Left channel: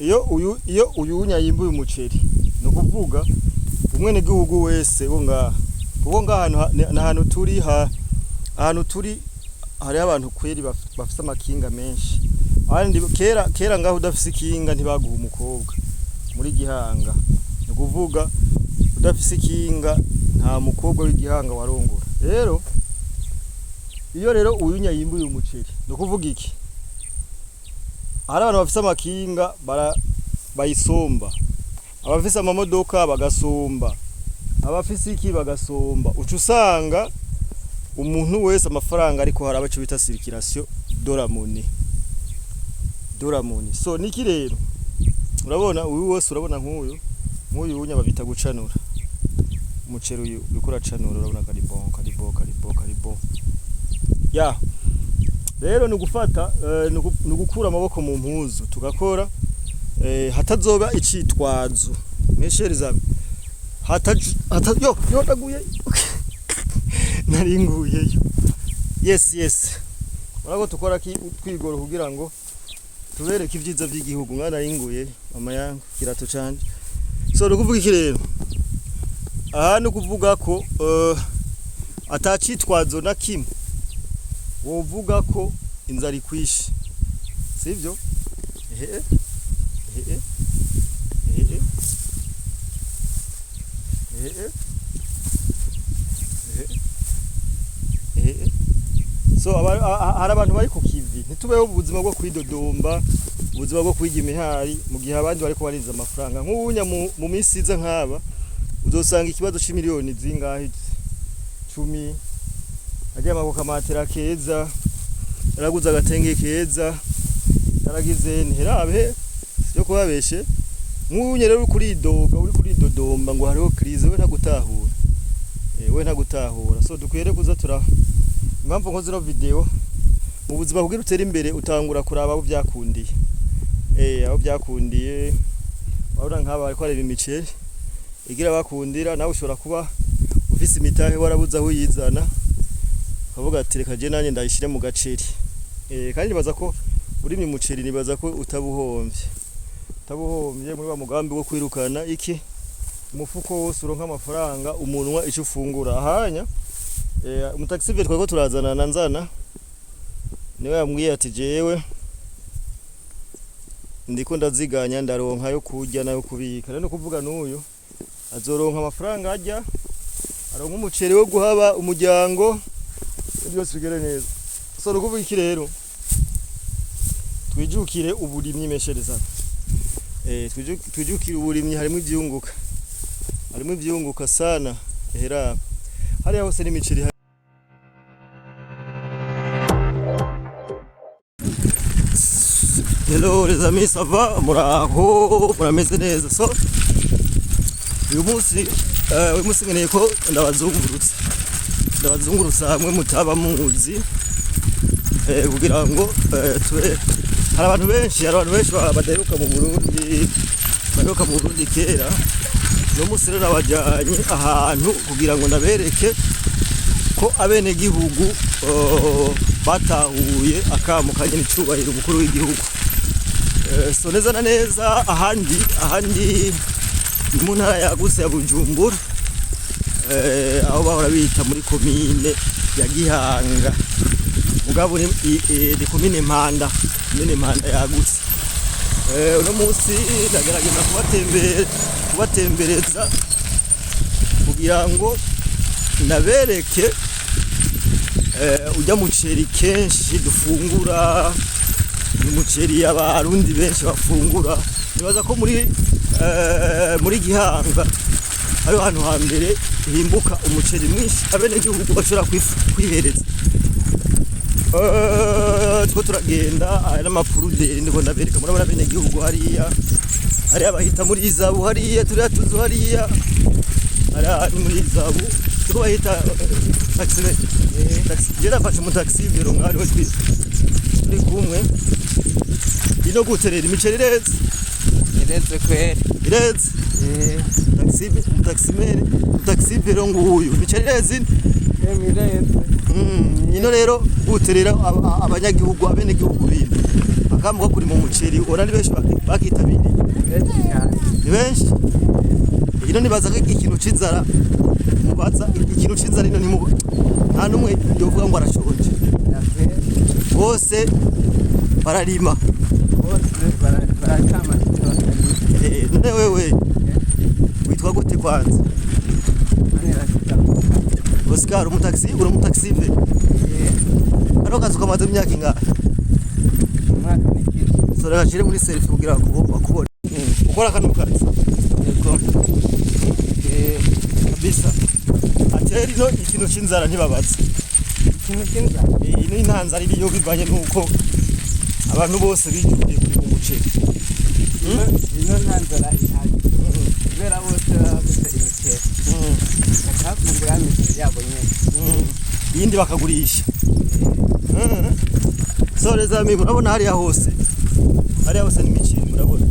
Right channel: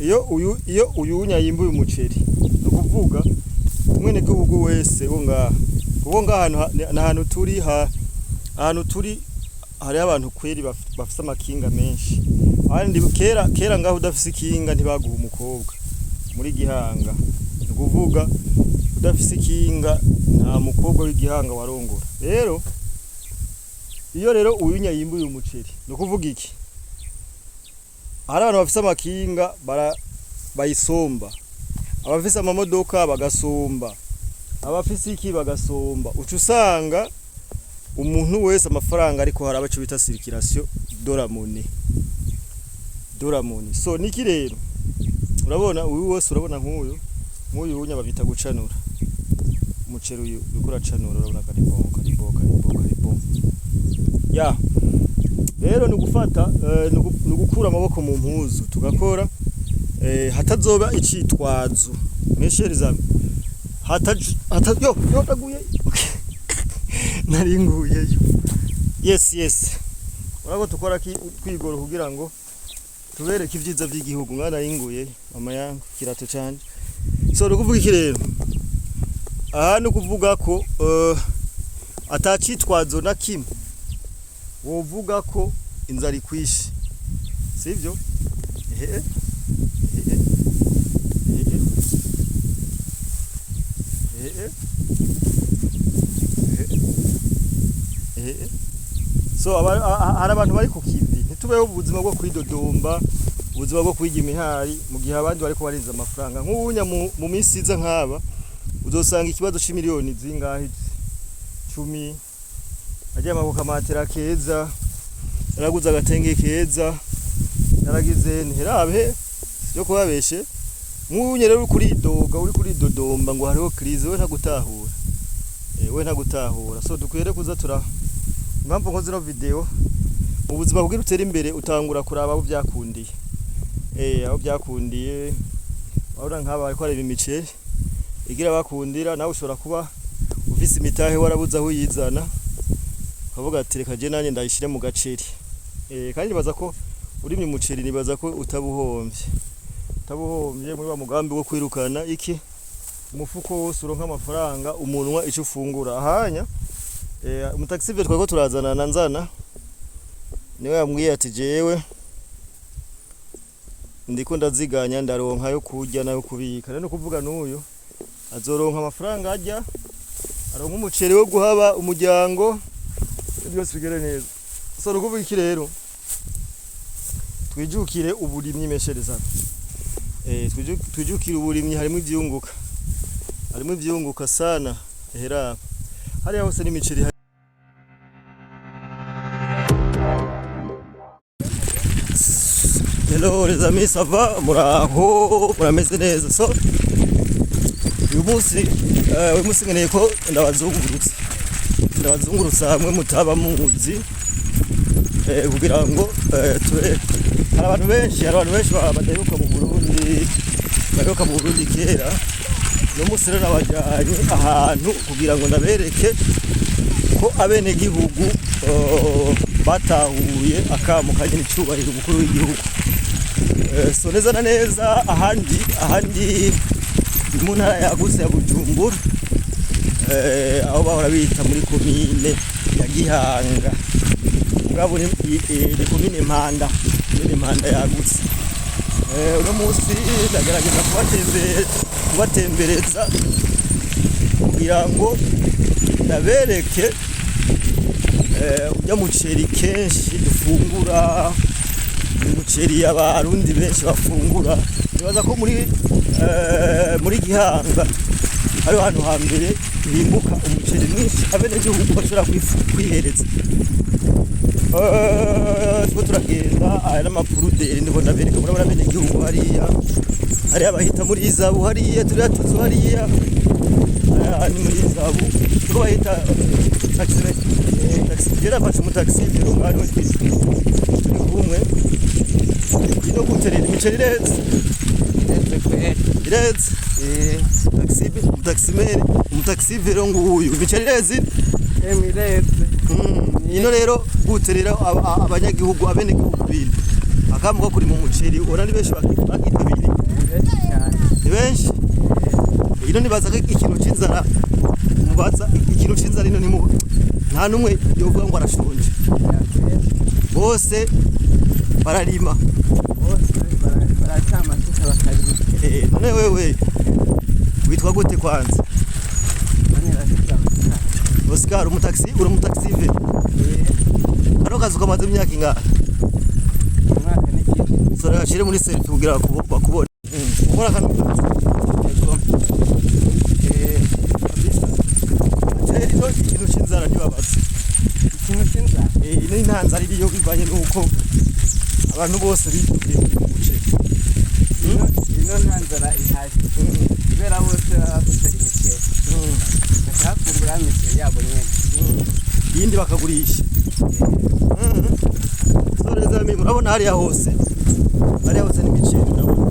iyo uyunya yimbuye umuceri no kuvuga umwene gihugu wese wo ngaha kuko ngaha ahantu turi hari abantu kweri bafite amakinga menshi kandi kera ngaho udafise ikinga ntibaguha umukobwa muri Gihanga no kuvuga udafise ikinga nta mukobwa w'Igihanga warongora rero iyo rero uyunya yimbuye umuceri no kuvuga iki hari abantu bafise amakinga bayisomba abafise amamodoka bagasomba abafise iki bagasomba uca usanga umuntu wese amafaranga ariko hari abacu bita circulation doramone so niki rero urabona uyu wose urabona nk'uyu unya babita gucanura umuceri uyu bikora canura urabona karibo ya rero nugufata nugukura amaboko mu mpuzu tugakora hatazoba icitwazo meshereza yo taguye naringuye yes urako tukora twigoro kugira ngo tubereke ivyiza vy'igihugu mwana ringuye mama yangu kirato canje so nukuvuga iki rero aha nukuvuga ko atacitwazo na kimwe wovuga ko inzara ikwishe sivyo so hari abantu bari ku kivi ntitubeho ubuzima bwo kwidodomba ubuzima bwo kwiga imihari mu gihe abandi bariko barinza amafaranga nk'ubunya mu minsi iza nk'aba uzosanga ikibazo c'imiliyoni zingahe 10 ajya amabuka matera keza yaraguza agatenge keza yaragize ntirabe yo kubabeshe nk'unye rero uri kuridodomba ngo hariho crise we ntagutahura so dukwere kuza impamvu nkoze no video mu buzima kugira utera imbere utangura kuraba abo byakundiye abo byakundiye abura nk'aba ariko areba imiceri igira bakundira nawe ushobora kuba ufise imitahe warabuza aho yizana kavuga ati reka je nanye ndayishire mu gaceri kandi baza ko urimye umuceri nibaza ko utabuhombye muri wa mugambi wo kwirukana iki umufuko wose uronka amafaranga umunwa ico ufungura ahanya umutaxi twako turazana na nzana niwe yambwiye ati jewe ndiko ndaziganya ndaronka yo kurya nayo kubika rero kuvuga n'uyu azoronka amafaranga ajya aronka umuceri wo guhaba umuryango byose bigere neza so rukuvuga iki rero twijukire uburimyi meshereza twijukire uburimyi harimo ivyunguka sana hera hariya hose n'imiceri hello les amis ça va muraho murameze neza so uyu munsi nkeneye ko ndabazungurutsa hamwe mutaba muzi kugira ngo hari abantu benshi badaheruka mu Burundi kera no munsi rero nabajyanye ahantu kugira ngo ndabereke ko abene gihugu batahuye akamukanye n'icubahiro umukuru w'igihugu so neza na neza ahandi mu ntara yagutse ya Bujumbura aho bahora bita muri komine ya Gihanga ugabo ni komine Mpanda yagutse uno munsi ndagerageza kubatembereza kugira ngo ndabereke ujya muceri kenshi dufungura umuceri y'abarundi benshi bafungura nibaza ko muri Gihanga hari ahantu hambere himbuka umuceri mwinshi abene gihugu bashobora kwihereza two turagenda ari n'amapuruderi ndiko ndabereka murabona abene gihugu hariya abahita muri Izabu hariya turiya tuzu hariya ni muri Izabu tuko bahita taxi jera fashe mu taxi bero ngari wese turi kumwe ino guterera imiceri iretse taxi bero nguyu imiceri iretse ino rero guterera abanyagihugu abene gihugu bindi akamo ko kuri mu muceri ubona ni benshi bakitabiriye ni benshi ino nibaza ko ikintu c'inzara mubaza ikintu c'inzara ino ni nta numwe yovuga ngo arashonje bose bararima none wewe witwa gute kwanza Oscar umutaxi uri umutaxi ve Kano kazi kamaze imyaka ingana umwaka n'iki sora gashire muri selfie kugira bakubone ukora kano kazi bisa ateri no ikintu c'inzara ntibabatse ikintu c'inzara ino intanzara iri yo bivanye nuko abantu bose bigiye mu muceri ino ntanzara ihari kubera bose bafite imiceri bakakungura imiceri yabo nyene iyindi bakagurisha soreza mimi murabona hariya hose n'imiceri murabona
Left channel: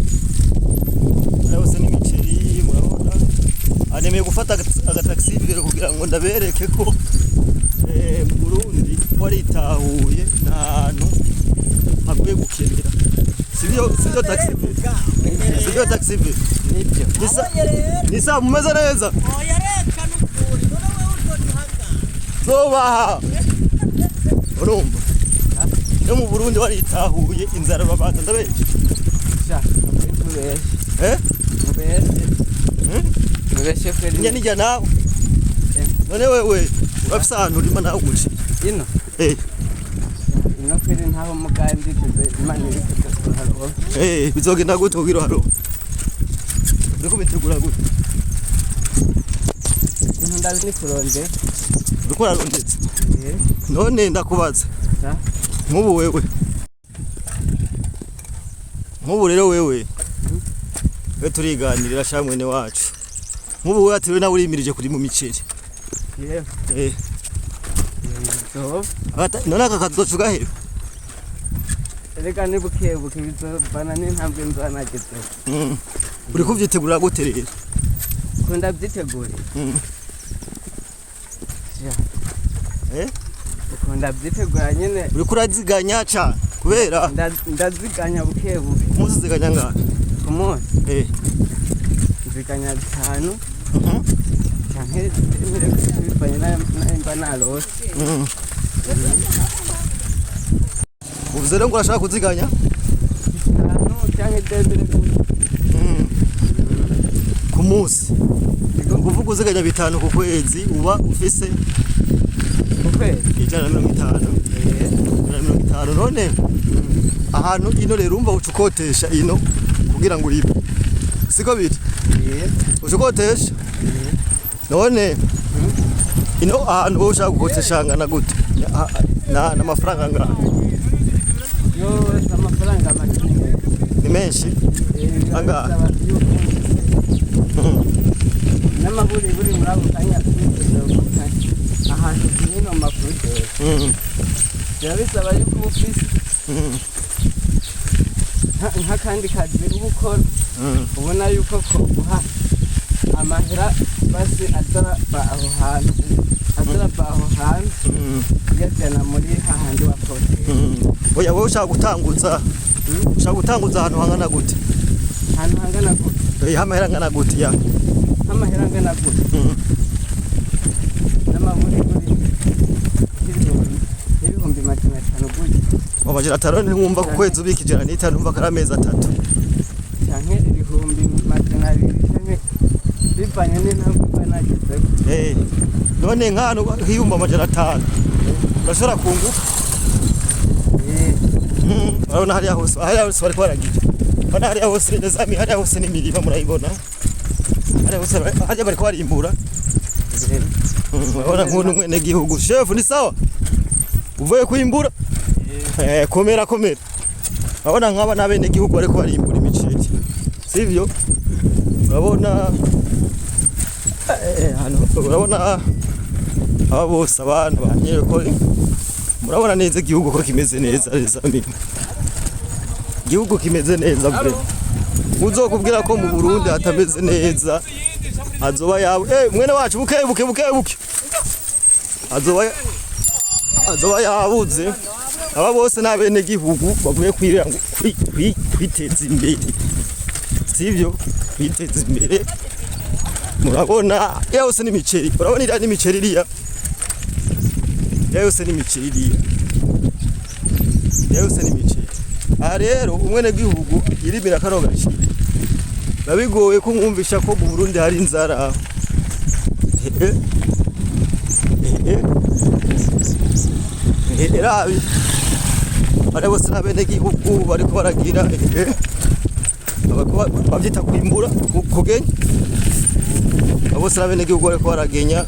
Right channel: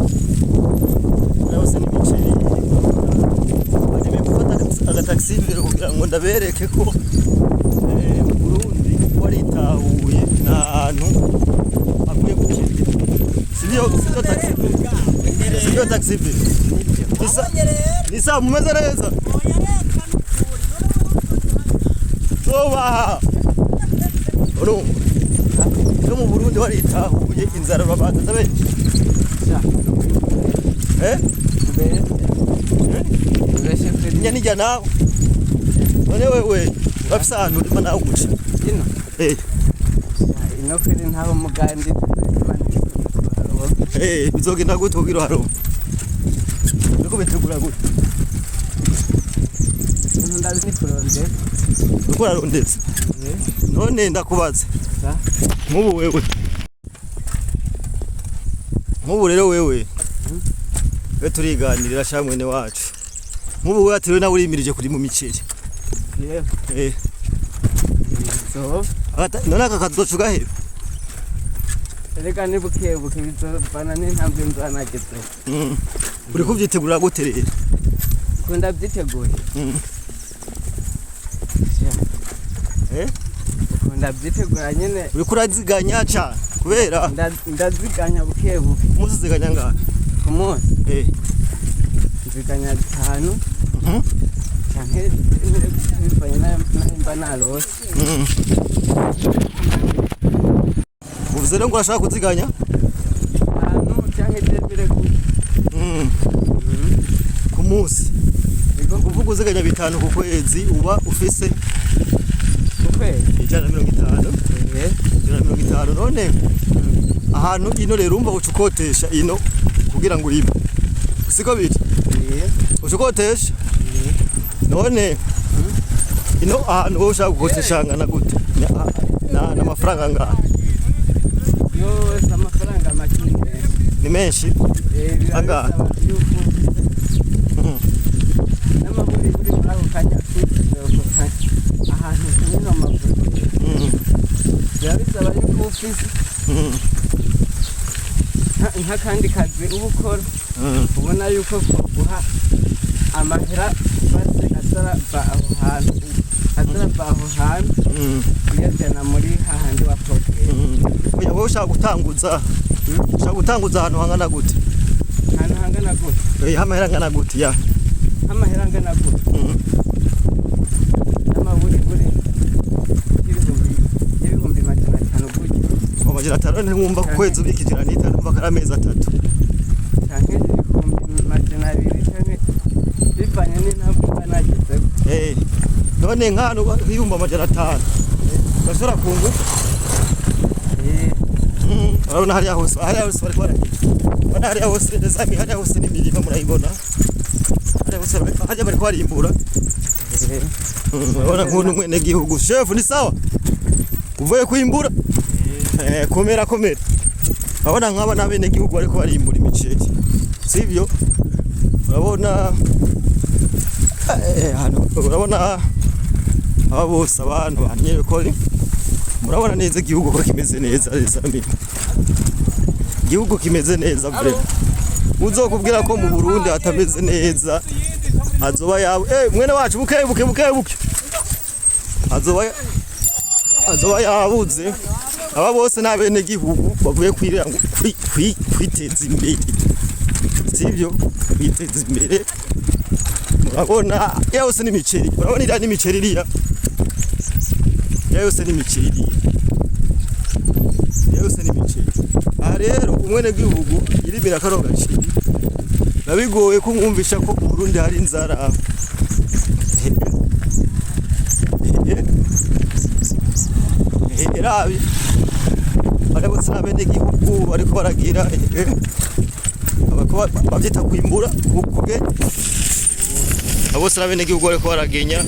hose n'imiceri murabona anemeye gufata agataxi imbere kugira ngo ndabereke ko mu Burundi waritahuye n'ahantu haguye gukendera sivyo taxi nisa mumeze neza zobaha urumva no mu Burundi waritahuye inzara babanza ndabenshi nyanija nawe none wewe urafise ahantu urima nawe umuceri ino ino kwiri ntaho mugandi imani bizogenda gute kugira haro biko bitegura gute ndazi ni kuronde uko arondetse none ndakubaza nk'ubu rero wewe turiganirira sha mwene wacu nk'ubu wewe ati nawe urimirije kuri mu miceri none aka kazi uzocuga hebe reka ni bukebuke bizobana n'intambwe nzanagezeho uri kuvyitegurira gute rero kunda byiteguye ukunda byitegura nyene uri kuraziganya cane kubera ndaziganya bukebuke muziziganya ngahe ku munsi nziganya 5 canke bivanye n'imba narose uvuze rero ngo urashaka kuziganya canke tembere ku munsi kuvuga uziganya 5 ku kwezi uba ufise ukwezi 150 none ahantu ino rero umva ucukotesha ino kugira ngo uribe siko biri ucukotesha none ino ahantu wowe ushaka gukotesha ngana gute na amafaranga ngaha yo amafaranga makini ni menshi angaha n'amahuri buri murabo kanya ahantu kinini amavuta bisaba yuko ufise nk'akandi kazi uba ukora ubona yuko guha amahera basi azarava aho hantu uyajyana muri hahandi wakoteye oya wowe ushaka gutanguza ahantu hangana gute amahera angana gute ya amahera angana gute n'amaburi y'ibihumbi 500 gute amajana 5 ntiwumva ku kwezi ubika 105 umva ko ari amezi 3 canke ibihumbi 200 canke bivanye n'intambwe nagizeho none nk'ahantu hiyumva amajana 5 urashobora kunguka urabona hariya hose bariko baragira bana hariya hose nezami hariya hose n'imirima murayibona hariya bariko barimbura urabona nk'uno mwene gihugu chef ni sawa uvuye kwimbura komera urabona nk'aba n'abene gihugu bariko barimbura imiceri sivyo urabona urabona aba bose abantu banyere ko murabona neza igihugu ko kimeze neza igihugu kimeze neza bre uzokubwira ko mu Burundi hatameze neza azoba yawe mwene wacu buke azoba yabuze aba bose n'abene gihugu bavuye kwirira ngo kwiteza imbere sivyo kwiteza imbere murabona yose n'imiceri urabona iriya n'imiceri iriya yose n'imiceri iriya yose n'imiceri aha rero umwene gihugu irimira kano gaciri nabigoye ko mwumvisha ko mu Burundi hari inzara rabi bari bose n'abene gihugu bariko baragira bavyita kwimbura kugenya bose n'abene gihugu bariko baragenya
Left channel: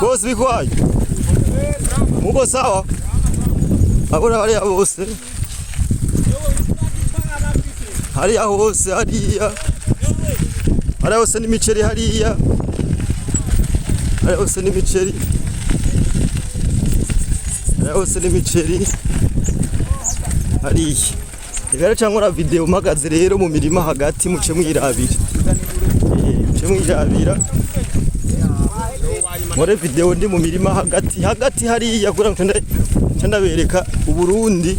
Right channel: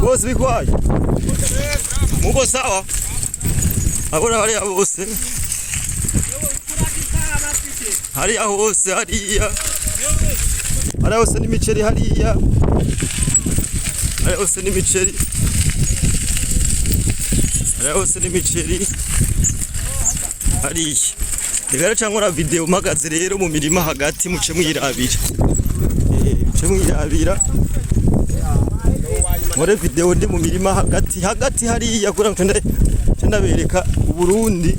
bose bikwaye mugo sawa abona bari bose hariya hose hariya hose n'imiceri hariya hose n'imiceri hose n'imiceri hariya rero cyangwa video magaze rero mu mirima hagati muce mwirabira muri video ndi mu mirima hagati hariya kura ndabereka Uburundi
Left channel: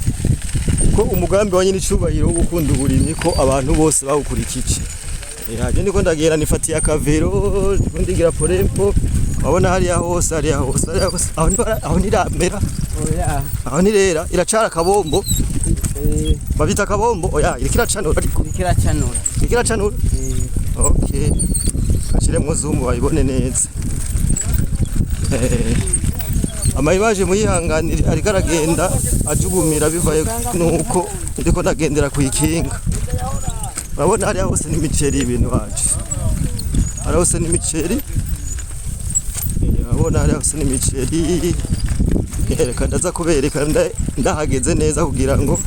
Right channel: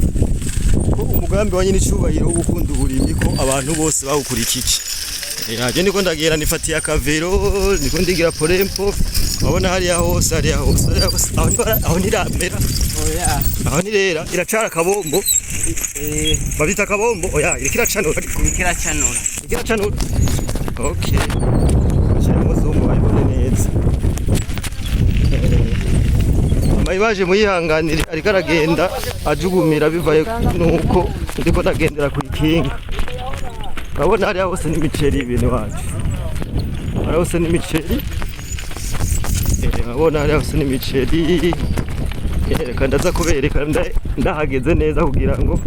ko umugambi wa nyine icubahiro wo gukunda uburimyi ko abantu bose bawukurikije haje niko ndagera nifatiye akavero niko ndigira porempo wabona hariya hose aho niramera aho nirera iracara kabombo babita kabombo oya irikiracanura okay akire muzungu bayibone neza amayibaje muyihanganire ariko aragenda ajugumira bivaye nuko ndiko ndagendera kuyikinga urabona hariya hose n'imiceri ibintu wacu hariya hose n'imiceri urabona hariya hose n'imiceri reka ndaza kubereka ndahageze neza kugira ngo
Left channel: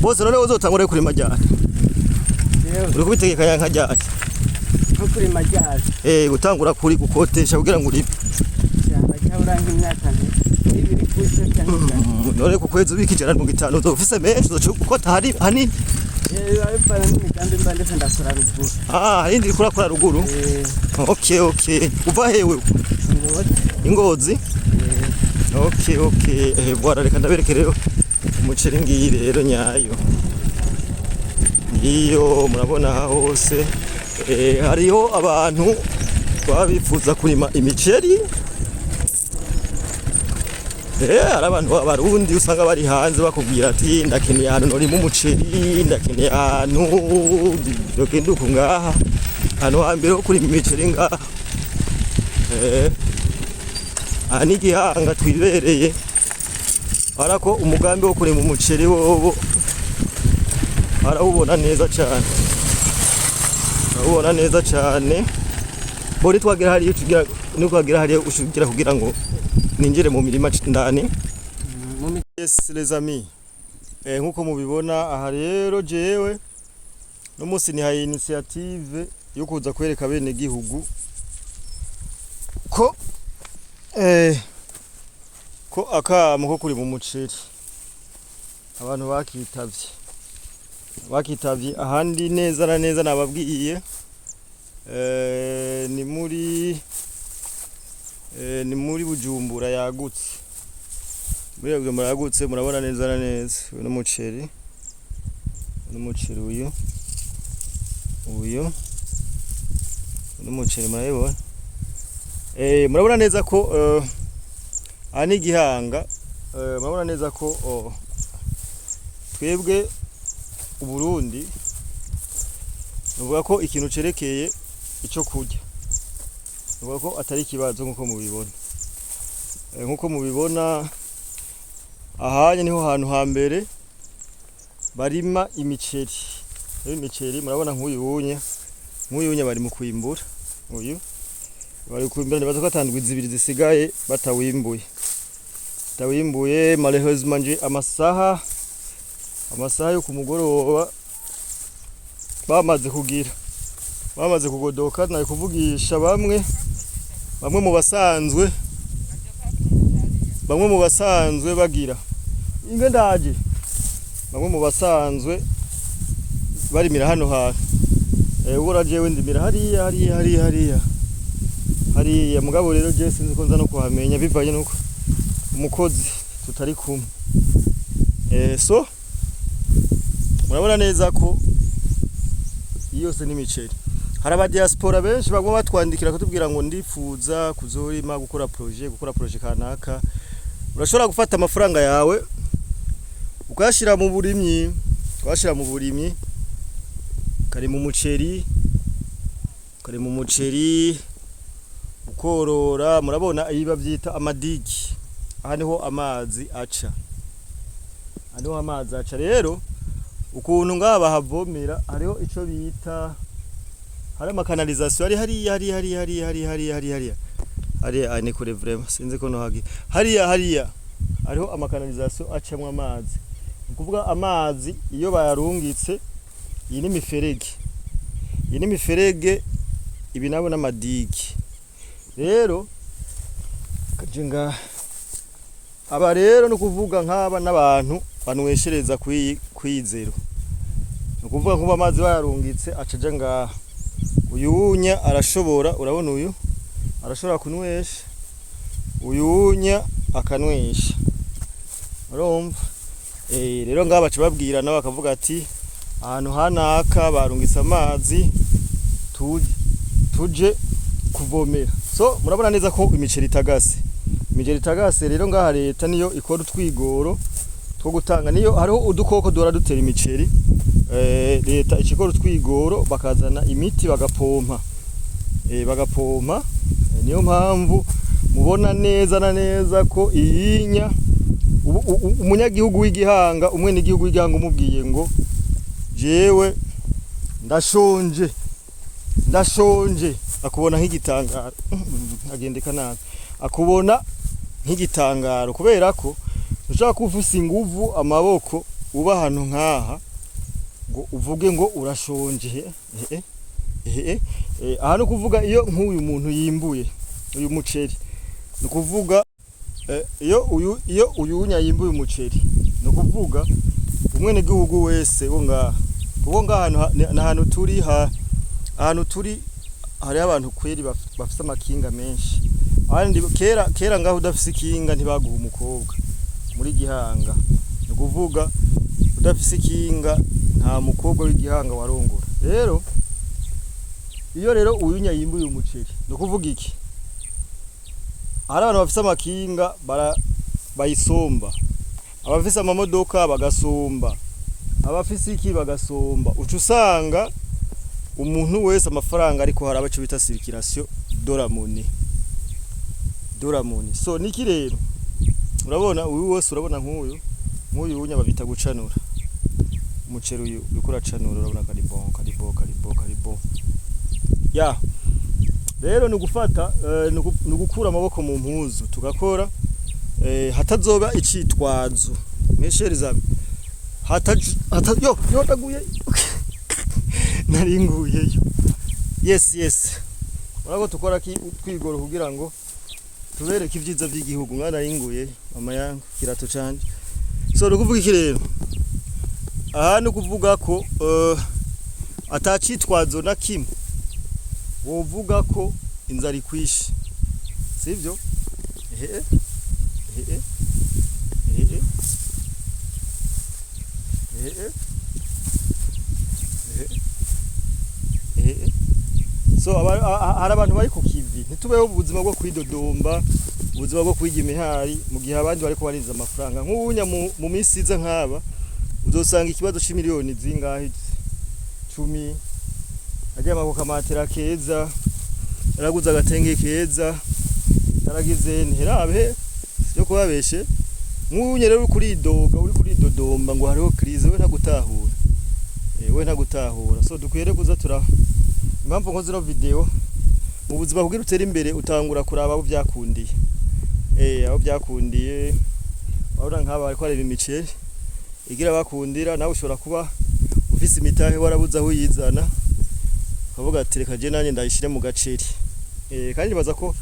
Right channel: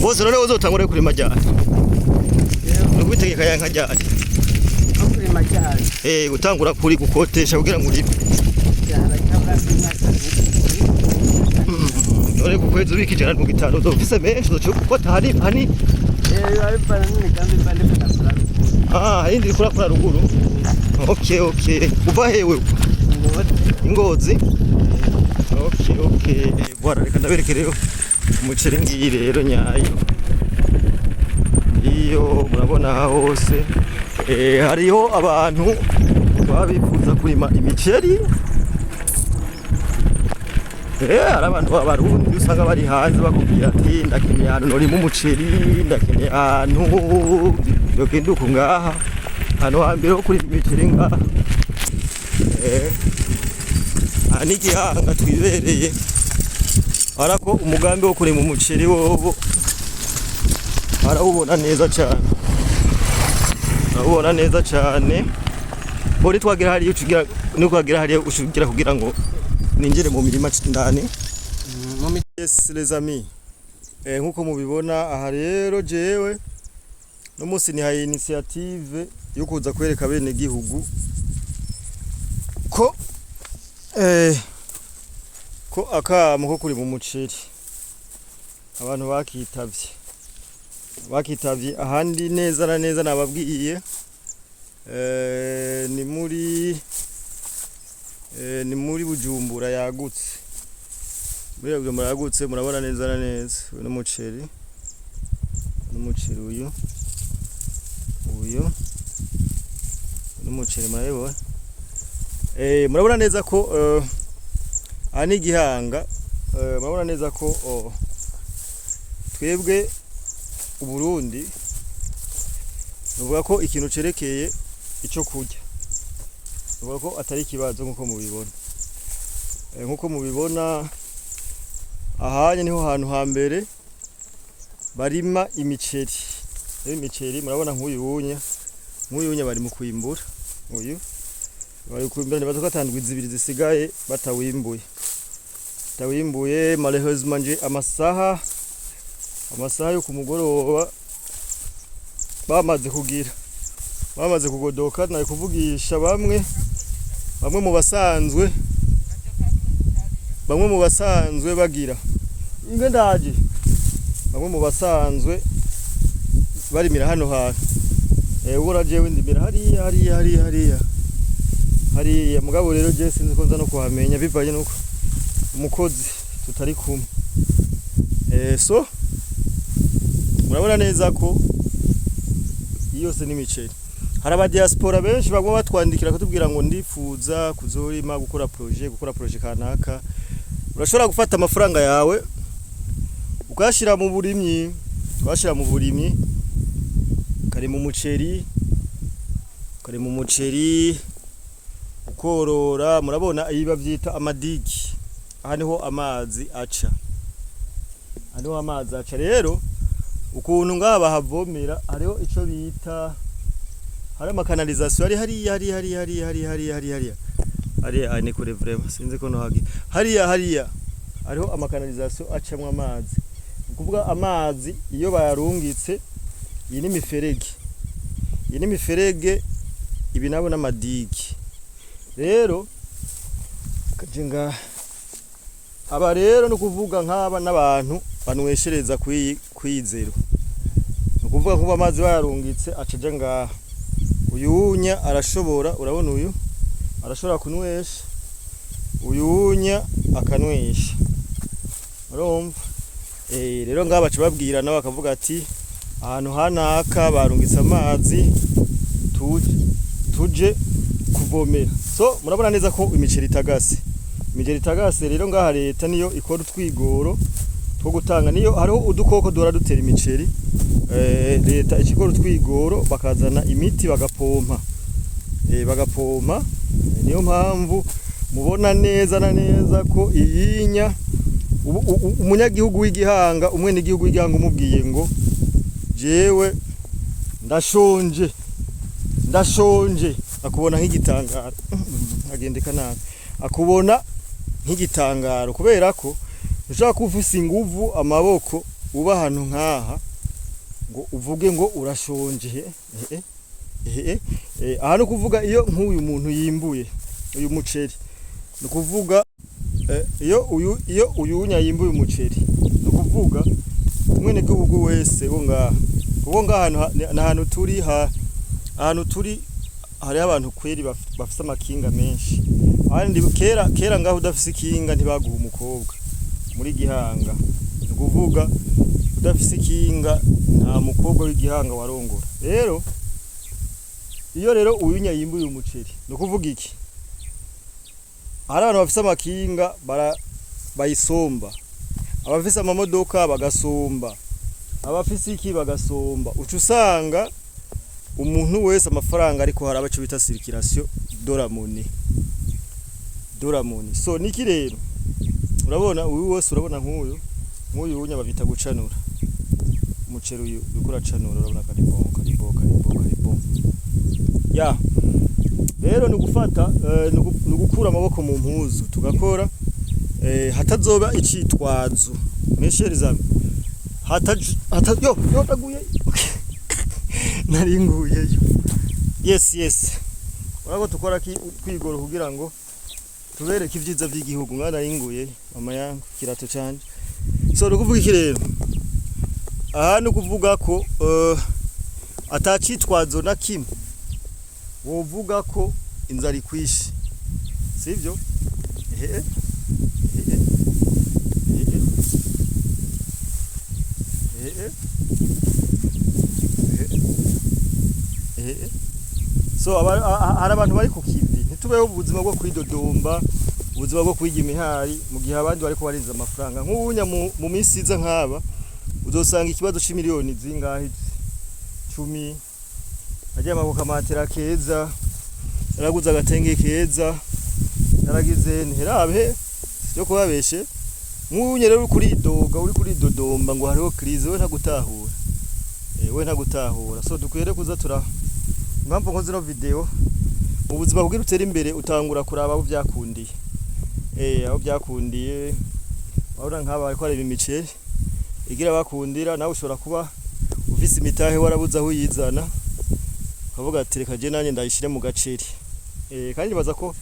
bose none uzotangura kurima ryari uri kubitegeka yanka ryari kurima ryari gutangura kuri gukotesha kugira ngo urime none ku kwezi ubika 150 uzofise menshi uzoca gukota hani hindi kurakora ruguru okay uva hewe Ingozi okay bwara reka ndabereke rero umuceri ngiyi rero nyayo iyo murabona hose hariho abantu babifuza kurima imiceri hari abantu b'abarundi usanga bari hanze bakubwira ati ndakeneye ahantu norima umuceri ndakeneye ahantu yogenduka ngaha hano hambere ho kurima imiceri ngaha ni igihanga twibereye ariko umugambi wo kurima umuceri wobo arawubona neza cyane bori twagira hariyo twagira hariyo ushugira kugira ngo ninjire mu mirima ndani yes les amis nkuko mubibona aha rero jewe no munsi ni hayi initiative yo kuza kwereka bene gihugu ko akamo ko kuri mu muceri abantu bakitavye ahandi neza na neza nababwiye ni muri Bujumbura yagutse murabona neza na neza n'umuceri uyu n'umuceri murabona murabona neza ko ani igihanga murabona neza ko twebwe Uburundi nuvuga ko ikintu cerekeye ico kurya nuvuga ko atari kibazo nkuko mubibona ahanye niho hantu hambere barima imiceri murabona nk'uyunye bari mu kwimbura bari kwimbura nibaza ko atandwi zibiri zisigaye batawimbuye malheureusement nje amasaha yo kumugoroba bamaze kugodoka nayo kuvugisha bamwe mu basanzwe bagira inge ndaje bamwe mu basanzwe barimira hano hantu ubura jewe ndimira hariya mugabo rero je sinzi ko nza no kuhamenya bivaye nuko umukozi tutari kumwe. So murabona neza ko yose n'imiceri. Hari aba diaspora benshi bagwa batwandikira kutubwira ngo ndifuza kuzorima gukora projet kanaka. Urashobora gufata amafaranga yawe ukashira mu burimyi, kari mu muceri, ukorora. Murabona ibi bavyita amadigi. Aha niho amazi aca. Rero ukuntu ngaba bahavomera hariho ico bita hari amakanalization hariya ni kure vraiment sinzi ko no hagi hariya hariho amakanalization acamwa amazi. Ukuvuga amazi iyo bayarungitse iyi ni miferege ibi nabo n'amadigi. Rero kajenga aba rero no kuvuga nk'aba n'abantu banweshereza kwizero. No kuvuga nkuba amazi bayarungitse acaje ngaha. Uyunya arashobora, urabona uyu arashobora kunwesha, uyunya akanwesha. Urumva? Rero ngaba babwira nawe akavuga ati ahantu hanaka barungitse amazi tuje kuvomera. So murabona neza ko imiceri itagase rero ngaha leta niyo ikora utwigoro two gutanga, niyo hariho udukoko duhora dutera imiceri. Leta ikikora utwigoro bakazana imiti bagapompa. Niyo mpamvu mubona neza na neza ko iyinya umunyagihugu w'igihanga, umwene igihugu w'igihanga umubwiye ngo jewe ndashonje akubona nk'igitangaro. Agendeka nabi akubona nk'igitangaro kubera ko ushaka kufisa inguvu amaboko uba ahantu nkaha ngo uvuge ngo urashonje. Aha no kuvuga iyo nk'uyu muntu yimbuye uyu muceri, no kuvuga iyo uyunya yimbuye umuceri, no kuvuga umwene gihugu wese wo ngaha ahantu turi hari abantu kweri bafise amakinga menshi. Abandi kera ngaho udafise ikinga ntibaguha umukobwa muri Gihanga. No kuvuga udafise ikinga nta mukobwa w'igihanga warongora. Rero iyo rero uyunya yimbuye umuceri, no kuvuga iki? Hari abantu bafise amakinga bayisomba, abafise amamodoka bagasomba, abafise iki bagasomba. Uca usanga umuntu wese amafaranga ariko hari abaco bita circulation doramone. So niki rero urabona uyu wose, urabona nk'uyu unya babita gucanura umuceri. Uyu bikora canura, urabona karibo ya. Rero ni gufata ni gukura amaboko mu mpuzu tugakora hatazoba icitwazo mweshereza yo taguye naringuyeyo. Yes urako tukora twigoro kugira ngo tubereke ivyiza by'igihugu. Mwana ringuye mama yangu kirato canje. So rukuvuga iki rero? Aha no kuvuga ko atacitwazo na kimwe wovuga ko inzara ikwishe, sivyo? So hari abantu bari ku kivi, ntitubeho ubuzima bwo kwidodomba, ubuzima bwo kwiga imihari mu gihe abandi bariko barinza amafaranga. Nk'ubunya mu minsi iza nk'aba uzosanga ikibazo c'imiliyoni zingahe 10 aje amabuka matera keza, yaraguza agatenge keza, yaragize ntirabe yo kubabeshe. Nk'ubunya rero uri kuridodomba ngo hariho crise, we ntagutahura. So dukwere kuza impamvu nkoze no video mu buzima kugira utera imbere utangura kuraba abo byakundiye. Abo byakundiye abura nk'aba bariko areba imiceri igira bakundira, nawe ushobora kuba ufise imitahe warabuza aho yizana ukavuga ati reka je nanye ndayishire mu gaceri. Kandi nibaza ko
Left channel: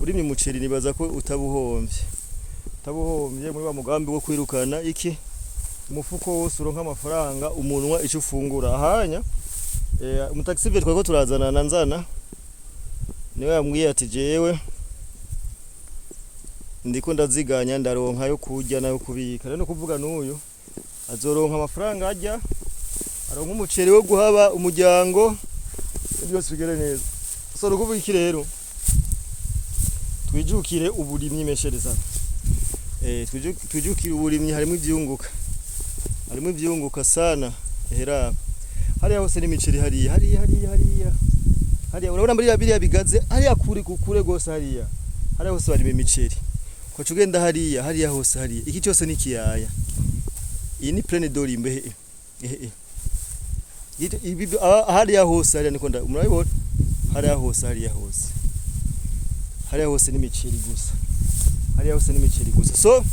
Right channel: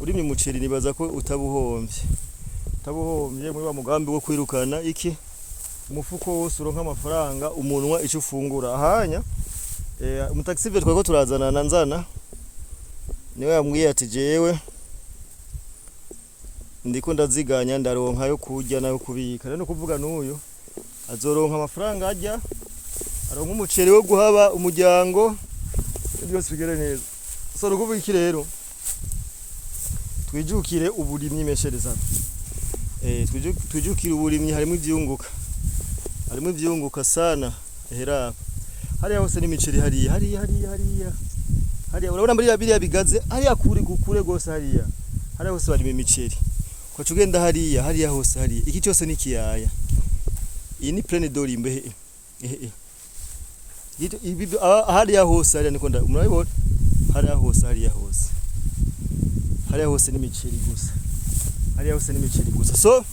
urimye umuceri, nibaza ko utabuhombye muri wa mugambi wo kwirukana iki umufuko wose uronka amafaranga umunwa ico ufungura. Ahanya umutaxive twako turazana na nzana niwe yambwiye ati jewe ndiko ndaziganya ndaronka yo kurya nayo kubika rero kuvuga n'uyu azoronka amafaranga ajya aronka umuceri wo guhaba umuryango byose bigere neza so nukuvuga iki rero twijukire uburimyi meshereza twijukire uburimyi harimo ivyunguka sana hera hariya hose n'imiceri hariya urabona muri biriya bigaze hariya kure gose hariya hose bari imiceri kwa cugenda hariya hose hariya iki cyose ni kiyaya iyi ni pleine dorimbe hariya hose hariya niko murabibona hariya hose n'imiceri gusa so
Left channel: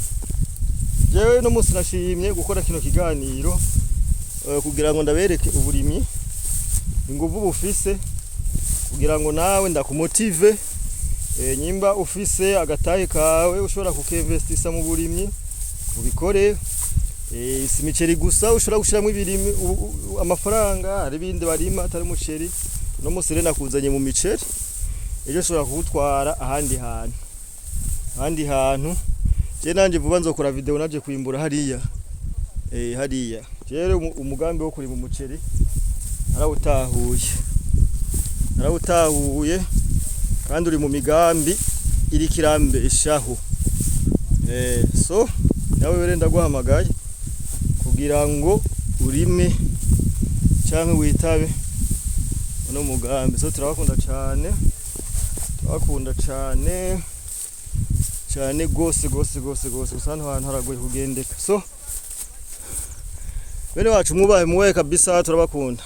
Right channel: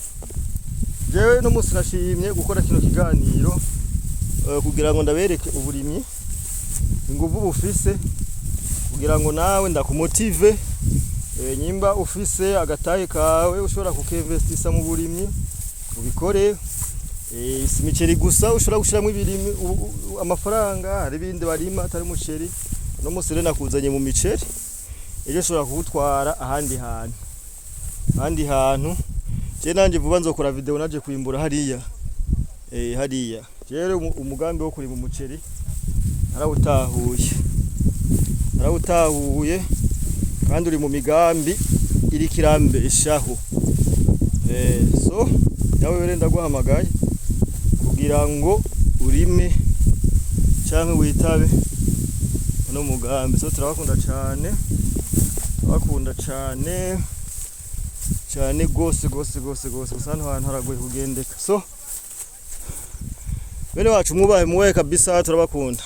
jewe no musi nashimye gukora kino kiganiro kugira ngo ndabereke uburimyi inguvu bufise kugira ngo nawe ndakumotive nyimba ufise agatahe kawe ushobora kukeinvestisa mu burimyi ubikore si imiceri gusa ushobora gushiramo ibirimi amafaranga hari bindi barima atari umuceri no musi rena kuzanye mu miceri ejo ushobora kugutwara ahandi hantu je nanje vuba nzokora video naje kwimbura hariya rero umugambi wo kurima umuceri narawutahuye kandi uri mu migambi iri kirambeshaho so nawe were ndaguhamagaye kugira ngo urime canke witabe no mugambi so turabakunda cyane gose usana ahantu haragoye kugendeka so bene wacu mubaye kabisa turabakunda.